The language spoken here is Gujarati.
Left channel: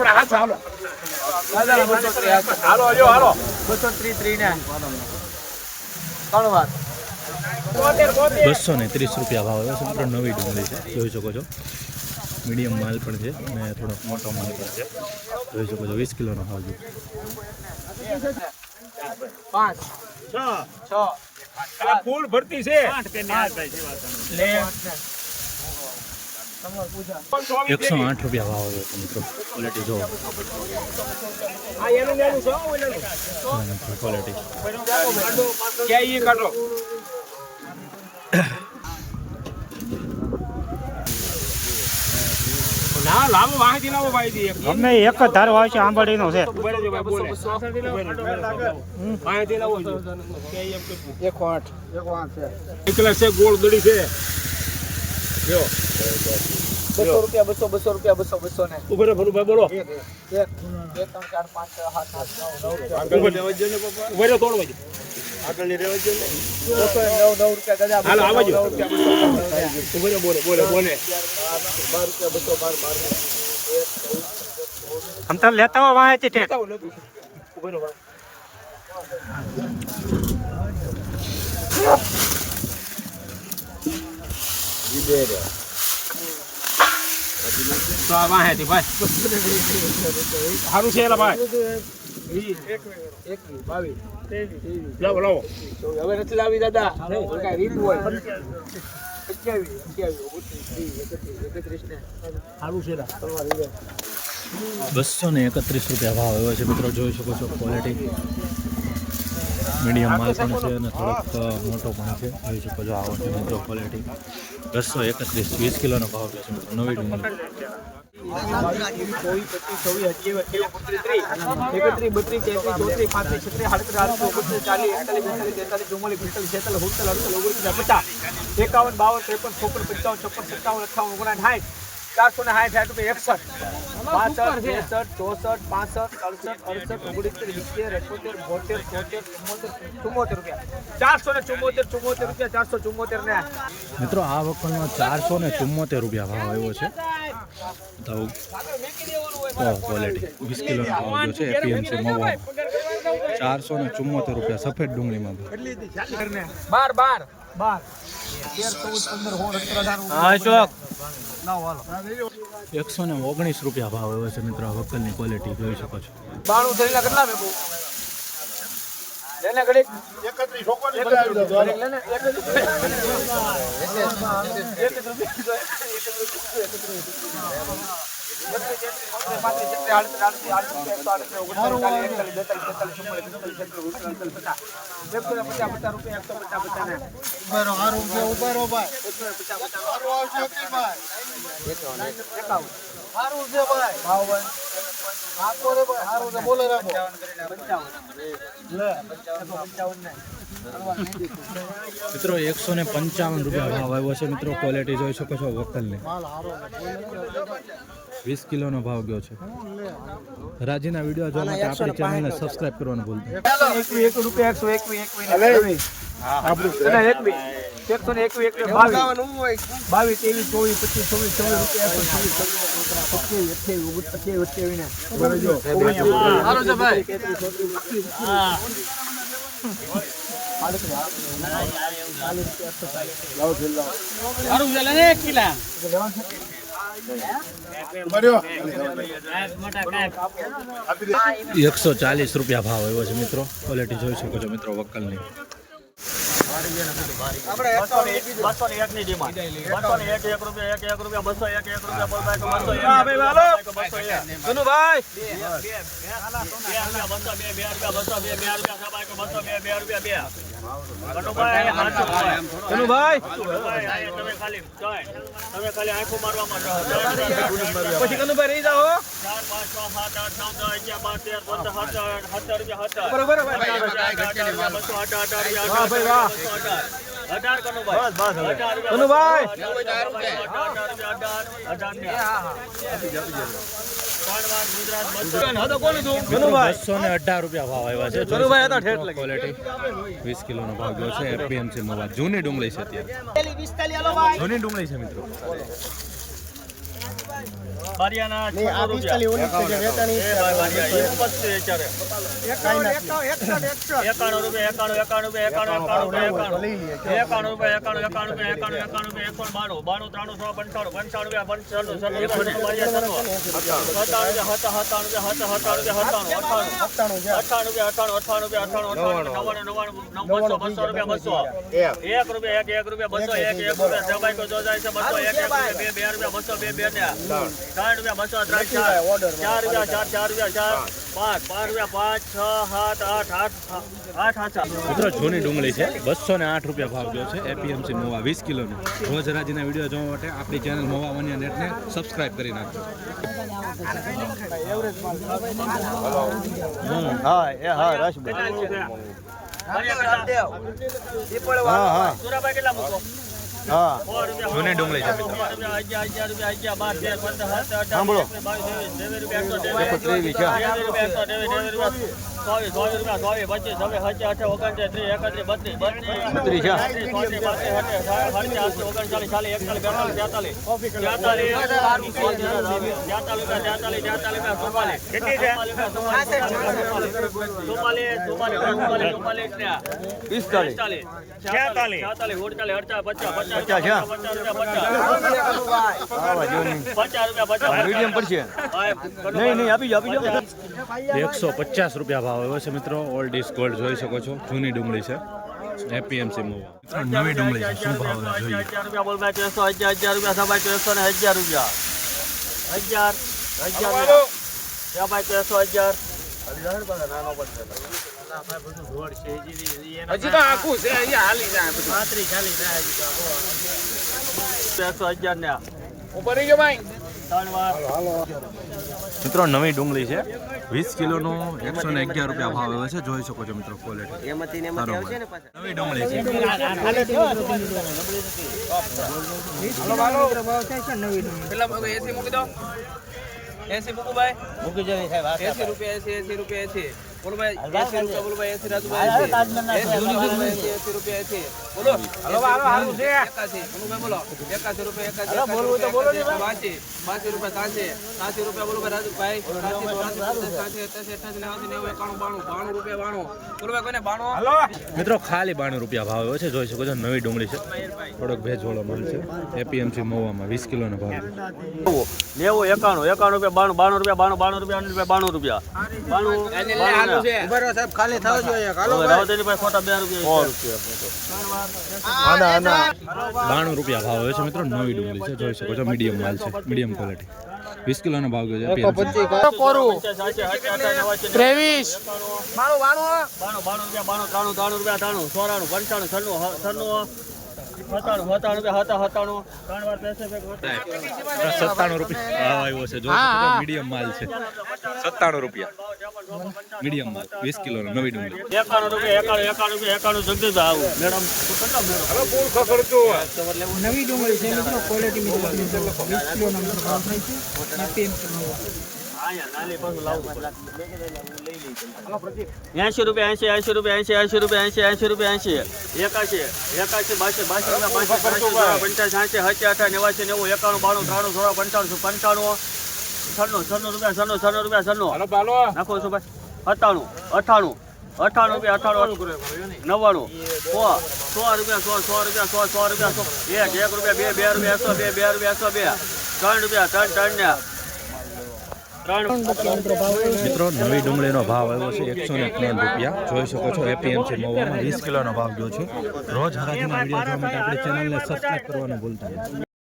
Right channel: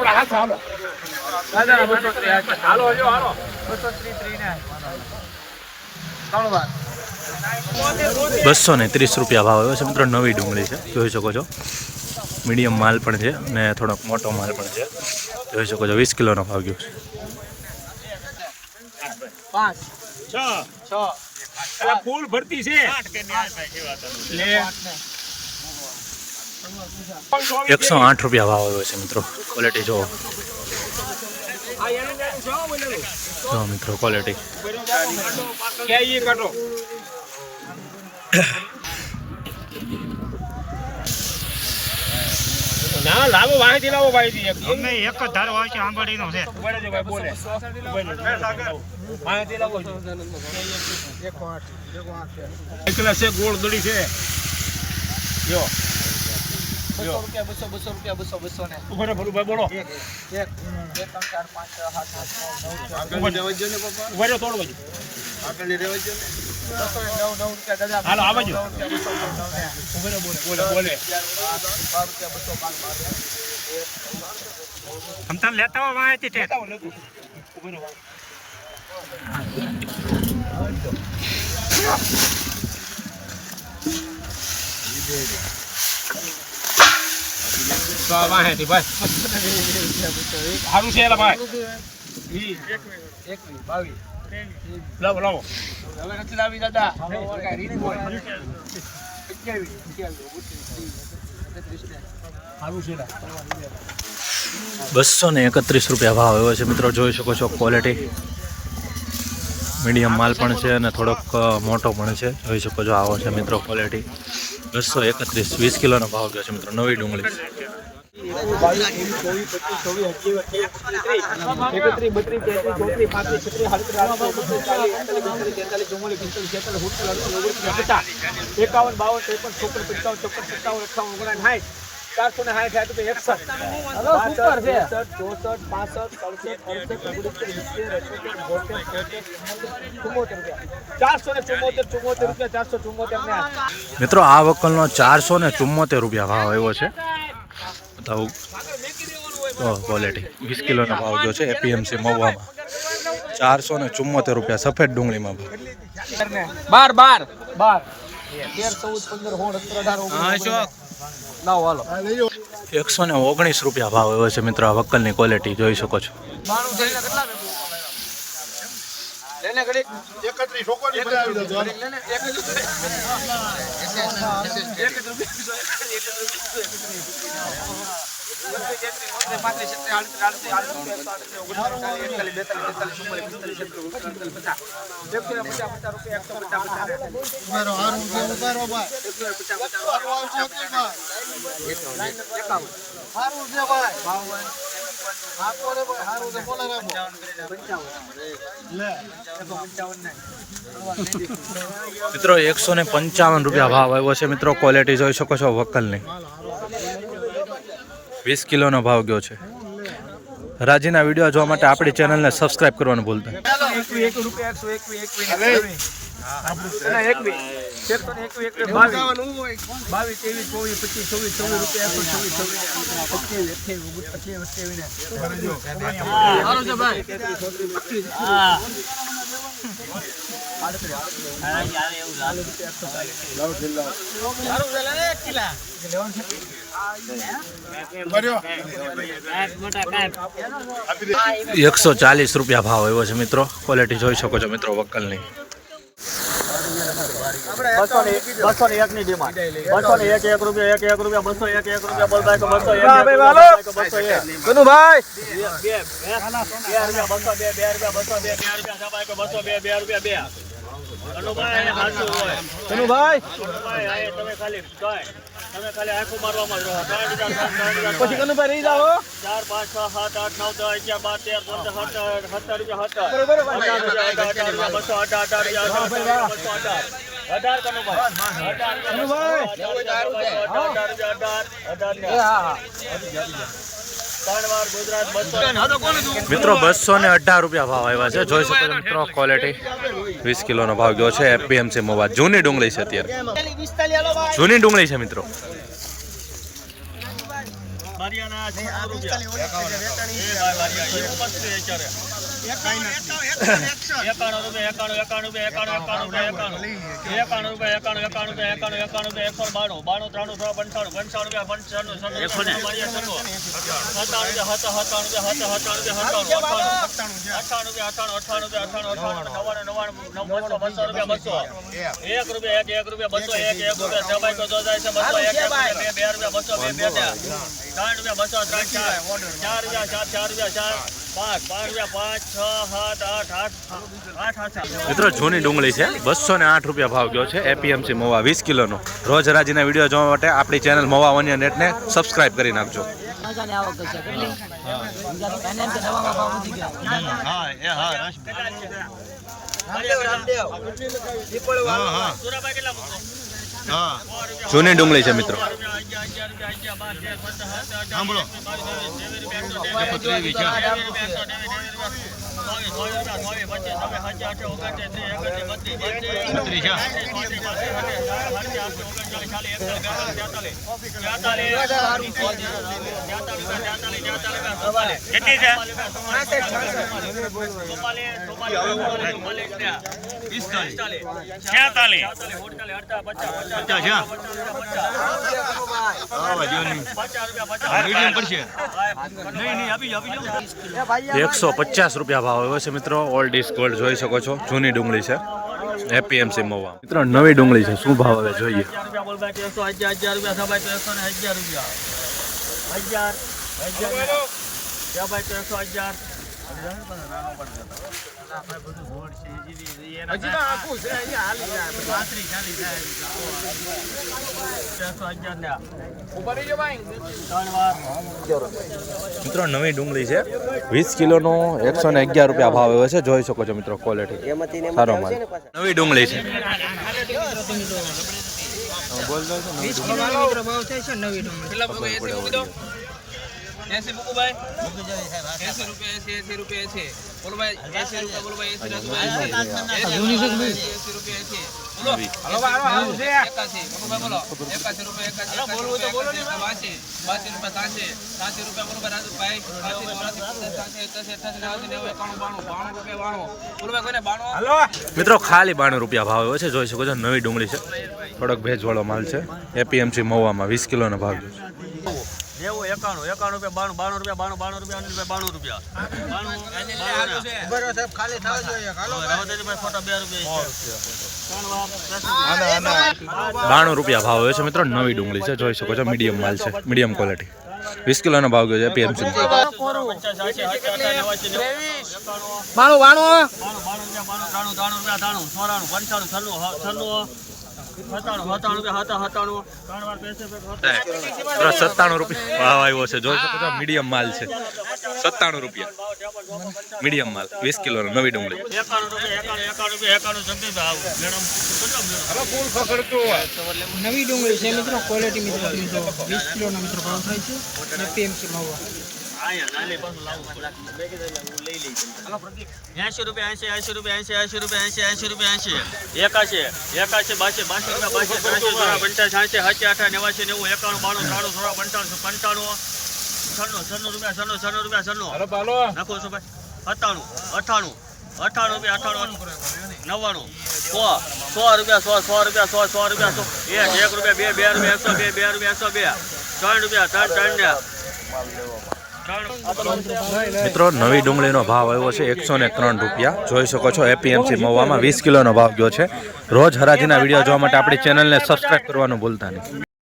આપણા હાથ હાલો હાલો જો હાલો 230 રૂપિયા ભાવ આવ્યો છે મિત્રો. નવી ડુંગળી છે, જોઈ શકો છો. મીડિયમ માલ પણ છે અને થોડોક મોટો માલ પણ છે, જોઈ શકો છો. 20 કિલોનો ભાવ ગયો છે. 5 6 ફૂલ ભરતી છે લે 108 રૂપિયા ભાવ આવ્યો છે મિત્રો. ક્વોલિટી જો મિત્રો, ક્વોલિટી ક્યાં કાઢો ના લાવો વાહીથી લાવો ભાઈથી અમને એક જ ધારો આવશે આંબળીનો છે. ઉભા રહેજો ભાઈ બોલે વાહીથી લાવો 108 એટલે છે ગોળ દડી છે જો 200 રૂપિયા 200 200 ને ઉભા રહો ભાઈ બોલો 1 2 3 4 5 6 7 8 9 9 ઉભા રહો તોડ બાજુ આપણે રેવા જો ને 209 રૂપિયા દાદા હાલો આવજો ઉભા રહો બોલે 12 રૂપિયા 212 આમ તો લેતા હો વાંચી છે. ઉભા રહો તો આ વાહેથી ભાઈ સારું છે એલા ભાઈ 21 22 લાવો લાવો હવે નથી લાવી દાદા કઈ રીત હોય 21 સારું છે 231 રૂપિયા ભાવ આવ્યો છે મિત્રો. જોઈ શકો છો. ક્વોલિટી મીડિયમ માલ પણ છે અને થોડોક મોટો પણ છે, જોઈ શકો છો. આવો છે મિત્રો ક્વોલિટી. 231 20 કિલોનો ભાવ ગયો છે મિત્રો. નવી ડુંગળી 474 મિત્રો. આ વકલનો 474 રૂપિયા ભાવ આવ્યો છે. બતાવું ક્વોલિટી 20 કિલોનો ભાવ ગયો છે એપીએમસી મહુવામાં. 474 રૂપિયા સફેદ ડુંગળીમાં ભાવ. 119 રૂપિયા ભાવ આવ્યો છે મિત્રો. આ વકલની ક્વોલિટી જોઈ શકો છો. 155 રૂપિયા ભાવ આવ્યો છે મિત્રો. ક્વોલિટી જોઈ શકો છો વકલની. 20 કિલોનો ભાવ ગયો છે. રાજીના વિડીયો જોવા માટે આપણી ચેનલને સબસ્ક્રાઇબ કરવાનું ભૂલતા નહીં. 140 રૂપિયા ભાવ આવ્યો છે મિત્રો. ક્વોલિટી જોઈ શકો છો મિત્રો વકલની. 201 ની ડિમાન્ડ 201 રૂપિયા 1 રૂપિયા 201 રૂપિયા કનુભાઈ 2 તમે ખાલી આંખો મારવામાં રહો. પછી કનુભાઈ રહી જાઓ 4 5 6 7 8 9 10 11 12 13 17 બરોબર 18 મિત્રો 218 રૂપિયા ભાવ આવ્યા છે. જોઈ શકો છો મિત્રો ક્વોલિટી. 20 કિલોનો ભાવ ગયો છે એપીએમસી મહુવા. જૂની ડુંગળી છે અત્યારે. જૂની ડુંગળી છે મિત્રો. બારિયાના 600 રૂપિયા. એ ભાઈ બારિયા એવું બધું અત્યારે. 91 રૂપિયા 91 મિત્રો જૂની ડુંગળી છે 208 રૂપિયા ભાવ ગયો છે એપીએમસી મહુવા 20 કિલોનો. રોજ હરાજીના વિડીયો જોવા માટે આપણી ચેનલ મહુવા વન્ય નેટને સબસ્ક્રાઇબ કરી નાખજો. જૂની ડુંગળી છે મિત્રો. સાંભળો મીડિયમ પડશે. નહીં આપી જાઓ 150 રૂપિયા ભાવ આવ્યો છે મિત્રો. ઓલ્ડ ઇઝ ગોલ્ડ જોઈ શકો છો. જૂની ડુંગળી છે એપીએમસી મહુવા. મિત્રો નવી ડુંગળી છે, શું ભાવ આવે જોઈએ. મિત્રો નવી ડુંગળી છે 20 કિલોનો 111 રૂપિયા ભાવ આવ્યો છે. જોઈ શકો છો મિત્રો ક્વોલિટી સારો માલ. નવી ડુંગળી છે. મિત્રો ખાલી 92 રૂપિયા ભાવ આવ્યો છે. જોઈ શકો છો નવી ડુંગળી છે. થોડોક ભેજવાળો માલ છે. એપીએમસી મહુવામાં 20 કિલોનો ભાવ છે. 91 રૂપિયા 92 રૂપિયા 92 રૂપિયા ભાવ આવ્યો છે મિત્રો. નવી ડુંગળી છે. જોઈ શકો છો મીડિયમ માલ છે, મીડિયમ ક્વોલિટી. 20 કિલોનો ભાવ ગયો છે એપીએમસી. 97 રૂપિયા ભાવ આવ્યો છે. જોઈ શકો છો મીડિયમ માલ છે. 97 રૂપિયા મીડિયમ માલ 20 કિલોનો નવી ડુંગળી. 91 નવી ડુંગળી છે મિત્રો. ક્વોલિટી મિત્રો 20 કિલોનો મિત્રો ભાવ થાય છે એપીએમસી મહુવા. 80 રૂપિયા 80 રૂપિયા 80 રૂપિયા 80 રૂપિયા 81 82 નાખો છો ભાઈ. 97 98 રૂપિયા 100 રૂપિયા 1 રૂપિયા 3 મિત્રો નવી ડુંગળીનો ભાવ આવ્યો છે 103 રૂપિયા. જોઈ શકો છો એપીએમસી મહુવામાં 20 કિલોનો ભાવ ગયો છે. રોજ હરાજીના વિડીયો જોવા માટે આપણી ચેનલને સબસ્ક્રાઇબ કરવાનું ભૂલતા નહીં.